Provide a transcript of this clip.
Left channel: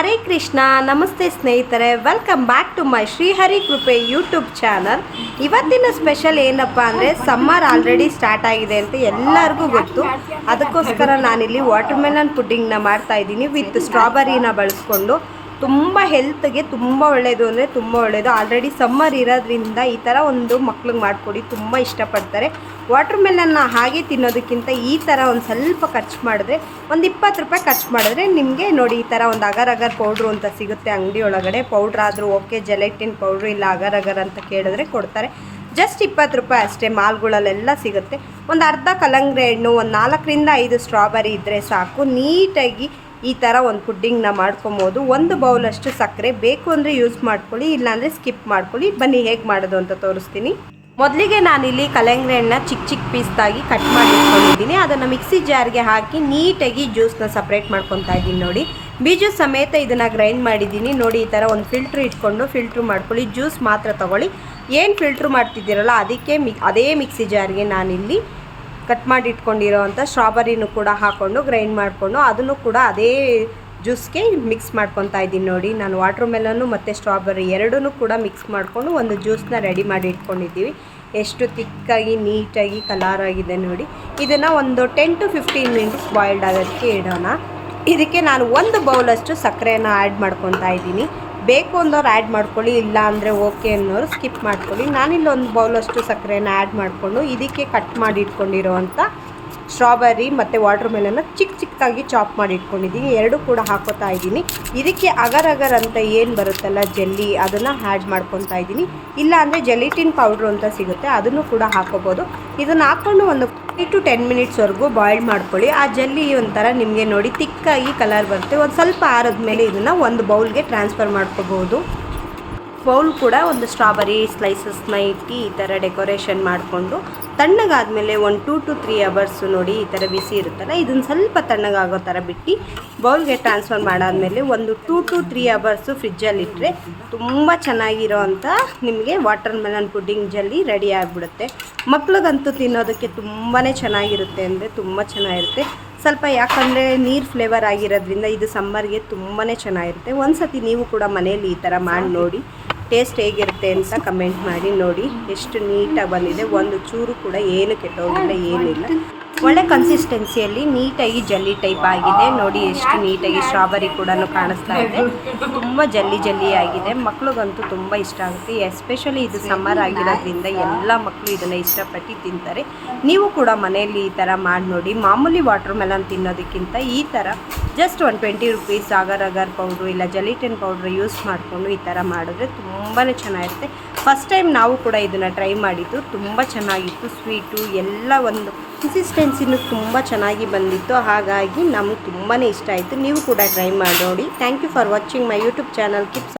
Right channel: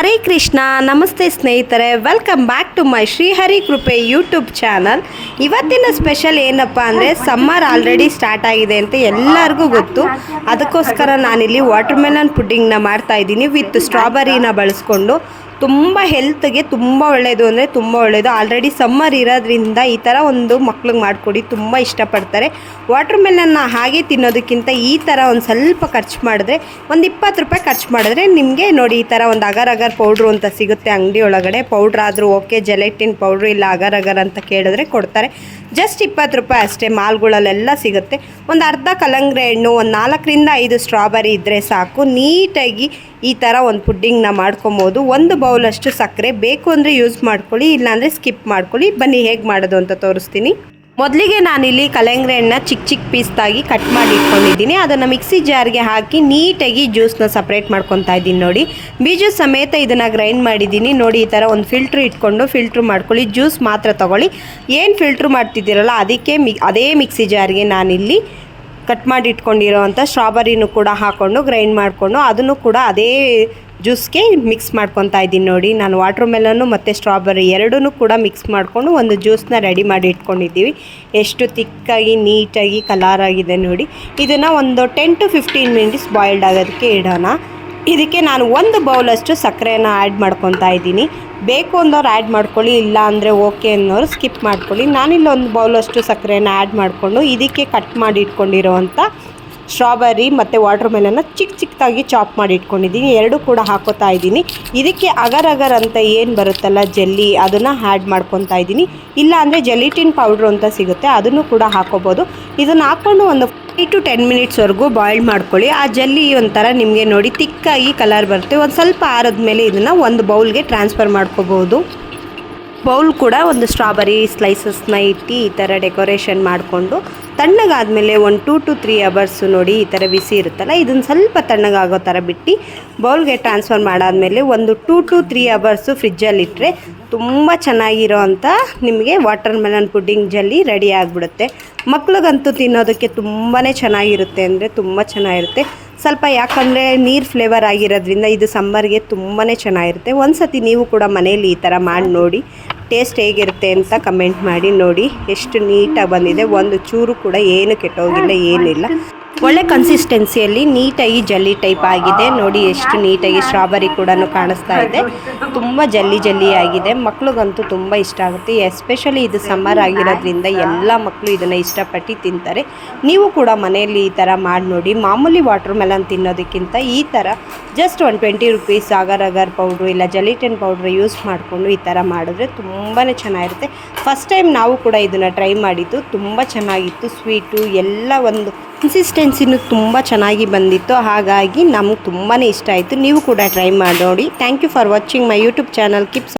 ಹರೇ ಕೃಷ್ಣ. ನಮಸ್ತೆ ಸ್ನೇಹಿತರೆ, welcome back to my Shrihari Krupe YouTube channel. ಇವತ್ತಿನ ಸ್ಪೆಷಲ್ ಏನಪ್ಪ ಅಂದರೆ, ಸಮ್ಮರ್ ಆಲ್ರೆಡಿ ಸ್ಟಾರ್ಟ್ ಆಗಿದೆ ಅಂತ ಎಲ್ಲರಿಗೂ ಗೊತ್ತು. ಅದಕ್ಕೋಸ್ಕರ ನಾನಿಲ್ಲಿ ವಾಟರ್ ಮೆಲನ್ ಪುಡ್ಡಿಂಗ್ನ ಮಾಡ್ತಾಯಿದ್ದೀನಿ ವಿತ್ ಸ್ಟ್ರಾಬೆರಿನ ಬಳಸ್ಕೊಂಡು. ತುಂಬ ಹೆಲ್ತ್ಗೆ ತುಂಬ ಒಳ್ಳೆಯದು ಅಂದರೆ ತುಂಬ ಒಳ್ಳೆಯದು. ಆಲ್ರೆಡಿ ಸಮ್ಮರ್ ಇರೋದ್ರಿಂದ ಈ ಥರ ಒಂದು ಮಕ್ಳಿಗೆ ಮಾಡಿಕೊಡಿ, ತುಂಬ ಇಷ್ಟಪಡ್ತಾರೆ. ವಾಟರ್ ಮೆಲನ್ನ ಹಾಗೆ ತಿನ್ನೋದಕ್ಕಿಂತ ಈ ಥರ ಒಂದು ಸ್ವಲ್ಪ ಖರ್ಚು ಮಾಡಿದ್ರೆ, ಒಂದು 20 ರೂಪಾಯಿ ಖರ್ಚು ಮಾಡಿದ್ರೆ ನಿಮಗೆ ನೋಡಿ ಈ ಥರ ಒಂದು ಅಗರ್ ಅಗರ್ ಪೌಡ್ರು ಅಂತ ಸಿಗುತ್ತೆ ಅಂಗಡಿ ಒಳಗಡೆ. ಪೌಡ್ರ್ ಆದರೂ ಓಕೆ, ಜೆಲೆಟಿನ್ ಪೌಡ್ರು ಇಲ್ಲ ಅಗರ್ ಅಗರ್ ಅಂತ ಕೇಳಿದ್ರೆ ಕೊಡ್ತಾರೆ. ಜಸ್ಟ್ 20 ರೂಪಾಯಿ ಅಷ್ಟೇ, ಮಾಲ್ಗಳಲ್ಲೆಲ್ಲ ಸಿಗುತ್ತೆ. ಒಂದು ಅರ್ಧ ಕಲ್ಲಂಗಡಿ ಹಣ್ಣು, ಒಂದು 4 ರಿಂದ 5 ಸ್ಟ್ರಾಬೆರಿ ಇದ್ದರೆ ಸಾಕು. ನೀಟಾಗಿ ಈ ಥರ ಒಂದು ಪುಡ್ಡಿಂಗ್ನ ಮಾಡ್ಕೊಬೋದು. ಒಂದು ಬೌಲಷ್ಟು ಸಕ್ಕರೆ ಬೇಕು ಅಂದರೆ ಯೂಸ್ ಮಾಡ್ಕೊಳ್ಳಿ, ಇಲ್ಲಾಂದರೆ ಸ್ಕಿಪ್ ಮಾಡ್ಕೊಳ್ಳಿ. ಬನ್ನಿ ಹೇಗೆ ಮಾಡೋದು ಅಂತ ತೋರಿಸ್ತೀನಿ. ಮೊದಲಿಗೆ ನಾನಿಲ್ಲಿ ಕಲ್ಲಂಗಡಿ ಹಣ್ಣನ್ನ ಚಿಕ್ಕ ಚಿಕ್ಕ ಪೀಸ್ದಾಗಿ ಕಟ್ ಮಾಡಿ ಇಟ್ಕೊಂಡಿದ್ದೀನಿ. ಅದನ್ನು ಮಿಕ್ಸಿ ಜಾರ್ಗೆ ಹಾಕಿ ನೀಟಾಗಿ ಜ್ಯೂಸನ್ನ ಸಪ್ರೇಟ್ ಮಾಡ್ಕೊತಾ ಇದ್ದೀನಿ. ನೋಡಿ, ಬೀಜ ಸಮೇತ ಇದನ್ನು ಗ್ರೈಂಡ್ ಮಾಡಿದ್ದೀನಿ. ನೋಡಿ, ಈ ಥರ ಒಂದು ಫಿಲ್ಟ್ರ್ ಇಟ್ಕೊಂಡು ಫಿಲ್ಟ್ರ್ ಮಾಡ್ಕೊಳ್ಳಿ. ಜ್ಯೂಸ್ ಮಾತ್ರ ತೊಗೊಳ್ಳಿ. ಏನು ಫಿಲ್ಟ್ರ್ ಮಾಡ್ತಿದ್ದೀರಲ್ಲ ಅದಕ್ಕೆ ಅದೇ ಮಿಕ್ಸಿ ಜಾರ್ಗೆ ನಾನಿಲ್ಲಿ ಕಟ್ ಮಾಡಿ ಇಟ್ಕೊಂಡಿರೋ ಅಂಥ ಸ್ಟ್ರಾಬೆರಿನೂ ಕೂಡ ಹಾಕ್ಕೊಂಡು ಗ್ರೈಂಡ್ ಮಾಡಿಕೊಂಡು ಅದನ್ನು ಕೂಡ ಅದೇ ಜ್ಯೂಸ್ಗೆ ಮಿಕ್ಸ್ ಮಾಡ್ಕೊತಾ ಇದ್ದೀನಿ. ನೋಡಿ, ನಾನು ವಾಟರ್ ಮೆಲನ್ನು ಮತ್ತು ಸ್ಟ್ರಾಬೆರಿ ಎರಡೂ ಕೂಡ ಮಿಕ್ಸ್ ಮಾಡಿಕೊಂಡು ಒಂದು ಜ್ಯೂಸನ್ನ ರೆಡಿ ಮಾಡಿ ಇಟ್ಕೊಂಡಿದ್ದೀವಿ. ಎಷ್ಟು ತಿಕ್ಕಾಗಿ ನೀಟಾಗಿ ಕಲರ್ ಆಗಿದೆ ನೋಡಿ. ಇದನ್ನು ಒಂದು 10 to 15 ಮಿನಿಟ್ಸ್ ಬಾಯ್ಲ್ಡ್ ಆಗೋದಕ್ಕೆ ಇಡೋಣ. ಇದಕ್ಕೆ ನಾನು ಒಂದು ಬೌಲಷ್ಟು ಸಕ್ಕರೆಯನ್ನು ಆ್ಯಡ್ ಮಾಡ್ಕೊತಾ ಇದ್ದೀನಿ. ಬೇಕು ಅನ್ನೋರು ಆ್ಯಡ್ ಮಾಡ್ಕೊಳ್ಳಿ, ಇಲ್ಲ ಅಂದರೆ ಓಕೆ ಅನ್ನೋರು ಸ್ಕಿಪ್ ಮಾಡ್ಕೊಳ್ಳಿ. ನಾನಿಲ್ಲಿ ಒಂದು ಬೌಲಷ್ಟು ಸಕ್ಕರೆಯನ್ನು ಆ್ಯಡ್ ಮಾಡಿಕೊಂಡು ಇದಕ್ಕೆ ಕಟ್ ಮಾಡಿ ಇಟ್ಕೊಂಡಿರೋವಂಥ ಸ್ಟ್ರಾಬೆರಿ ಮತ್ತು ವಾಟರ್ ಮೆಲನ್ನ ಚಿಕ್ಕ ಚಿಕ್ಕದಾಗಿ ಚಾಪ್ ಮಾಡಿ ಇಟ್ಕೊಂಡಿದ್ದೀನಿ. ಎರಡೂ ಕೂಡ ಹಾಕೋತಾ ಇದ್ದೀನಿ. ಇದಕ್ಕೆ ಅಗರ್ ಅಗರ್ ಅಂತ ಏನು ಬರುತ್ತಲ್ಲ ಜೆಲ್ಲಿ, ಅದನ್ನು ಆ್ಯಡ್ ಮಾಡ್ಕೊತಾ ಇದ್ದೀನಿ. ಇಲ್ಲ ಅಂದರೆ ಜೆಲಿಟಿನ್ ಪೌಡ್ರು ಅಂತ ಸಿಗುತ್ತೆ, ಅದನ್ನು ಕೂಡ ಹಾಕೋಬೋದು. ಇದನ್ನು ಹಾಕ್ಕೊಂಡು ಒಂದು 5 to 10 ಮಿನಿಟ್ಸ್ವರೆಗೂ ಬಾಯ್ಲ್ ಮಾಡ್ಕೊಳ್ಳಿ. ಆ ಜೆಲ್ಲಿ ಒಂಥರ ನಿಮಗೆ ನೋಡಿ ತಿಕ್ಕಾಗಿ ಕಲರ್ ಬರುತ್ತೆ. ಒಂದು ಸ್ವಲ್ಪ ಆರಿದ್ಮೇಲೆ ಇದನ್ನು ಒಂದು ಬೌಲ್ಗೆ ಟ್ರಾನ್ಸ್ಫರ್ ಮಾಡ್ಕೋಬೋದು. ಬೌಲ್ ಕೂಡ ಒಂದು ಸ್ಟ್ರಾಬೆರಿ ಸ್ಲೈಸಸ್ನ ಇಟ್ಟು ಈ ಥರ ಡೆಕೋರೇಷನ್ ಮಾಡಿಕೊಂಡು ತಣ್ಣಗಾದಮೇಲೆ ಒಂದು 2 to 3 ಅವರ್ಸು ನೋಡಿ ಈ ಥರ ಬಿಸಿ ಇರುತ್ತಲ್ಲ, ಇದನ್ನು ಸ್ವಲ್ಪ ತಣ್ಣಗಾಗೋ ಥರ ಬಿಟ್ಟು ಬೌಲ್ಗೆ ಟ್ರಾನ್ಸ್ಫರ್ ಮಾಡಾದಮೇಲೆ ಒಂದು 2 to 3 ಅವರ್ಸು ಫ್ರಿಜ್ಜಲ್ಲಿಟ್ಟರೆ ತುಂಬ ಚೆನ್ನಾಗಿರೋ ಅಂಥ ನಿಮಗೆ water melon pudding jelly ready ಆಗಿಬಿಡುತ್ತೆ. ಮಕ್ಳಿಗಂತೂ ತಿನ್ನೋದಕ್ಕೆ ತುಂಬಾ ಚೆನ್ನಾಗಿರುತ್ತೆ ಅಂದರೆ ತುಂಬ ಚೆನ್ನಾಗಿರುತ್ತೆ. ಸ್ವಲ್ಪ ಯಾಕಂದರೆ ನೀರು ಫ್ಲೇವರ್ ಆಗಿರೋದ್ರಿಂದ ಇದು ಸಮ್ಮರ್ಗೆ ತುಂಬಾ ಚೆನ್ನಾಗಿರುತ್ತೆ. ಒಂದು ಸತಿ ನೀವು ಕೂಡ ಮನೇಲಿ ಈ ಥರ ಮಾಡಿ ನೋಡಿ, ಟೇಸ್ಟ್ ಹೇಗಿರುತ್ತೆ ಅಂತ ಕಮೆಂಟ್ ಮಾಡಿ. ನೋಡಿ ಎಷ್ಟು ನೀಟಾಗಿ ಬಂದಿದೆ, ಒಂದು ಚೂರು ಕೂಡ ಏನು ಕೆಟ್ಟೋಗಿಲ್ಲ, ಏನಿಲ್ಲ. ಒಳ್ಳೆ ಕನ್ಸಿಸ್ಟೆನ್ಸಿಯಲ್ಲಿ ನೀಟಾಗಿ ಜಲ್ಲಿ ಟೈಪ್ ಆಗಿದೆ. ನೋಡಿ ಎಷ್ಟು ನೀಟಾಗಿ ಸ್ಟ್ರಾಬೆರಿ ಕೂಡ ಕಾಣಿಸ್ತಾ ಇದೆ. ತುಂಬ ಜಲ್ಲಿ ಆಗಿದೆ. ಮಕ್ಳಿಗಂತೂ ತುಂಬ ಇಷ್ಟ ಆಗುತ್ತೆ. ಎಸ್ಪೆಷಲಿ ಇದು ಸಮ್ಮರ್ ಆಗಿರೋದ್ರಿಂದ ಎಲ್ಲ ಮಕ್ಕಳು ಇದನ್ನು ಇಷ್ಟಪಟ್ಟು ತಿಂತಾರೆ. ನೀವು ಕೂಡ ಮನೆಯಲ್ಲಿ ಈ ಥರ ಮಾಡಿ ನೋಡಿ. ಮಾಮೂಲಿ ವಾಟರ್ ಮೆಲನ್ ತಿನ್ನೋದಕ್ಕಿಂತ ಈ ಥರ ಜಸ್ಟ್ ಒಂದು 20 ರೂಪೀಸ್ ಅಗರ್ ಅಗರ್ ಪೌಡ್ರು ಇಲ್ಲ ಜೆಲಿಟಿನ್ ಪೌಡ್ರ್ ಯೂಸ್ ಮಾಡಿಕೊಂಡು ಈ ಥರ ಮಾಡಿದ್ರೆ ತುಂಬಾ ಚೆನ್ನಾಗಿರುತ್ತೆ. ಫಸ್ಟ್ ಟೈಮ್ ನಾವು ಕೂಡ ಇದನ್ನು ಟ್ರೈ ಮಾಡಿದ್ದು, ತುಂಬ ಚೆನ್ನಾಗಿತ್ತು. ಸ್ವೀಟು ಎಲ್ಲ ಒಂದು ಕನ್ಸಿಸ್ಟೆನ್ಸಿನೂ ತುಂಬ ಚೆನ್ನಾಗಿ ಬಂದಿತ್ತು. ಹಾಗಾಗಿ ನಮಗೆ ತುಂಬಾ ಇಷ್ಟ ಆಯಿತು. ನೀವು ಕೂಡ ಟ್ರೈ ಮಾಡಿ ನೋಡಿ. Thank you for watching my YouTube channel. Keep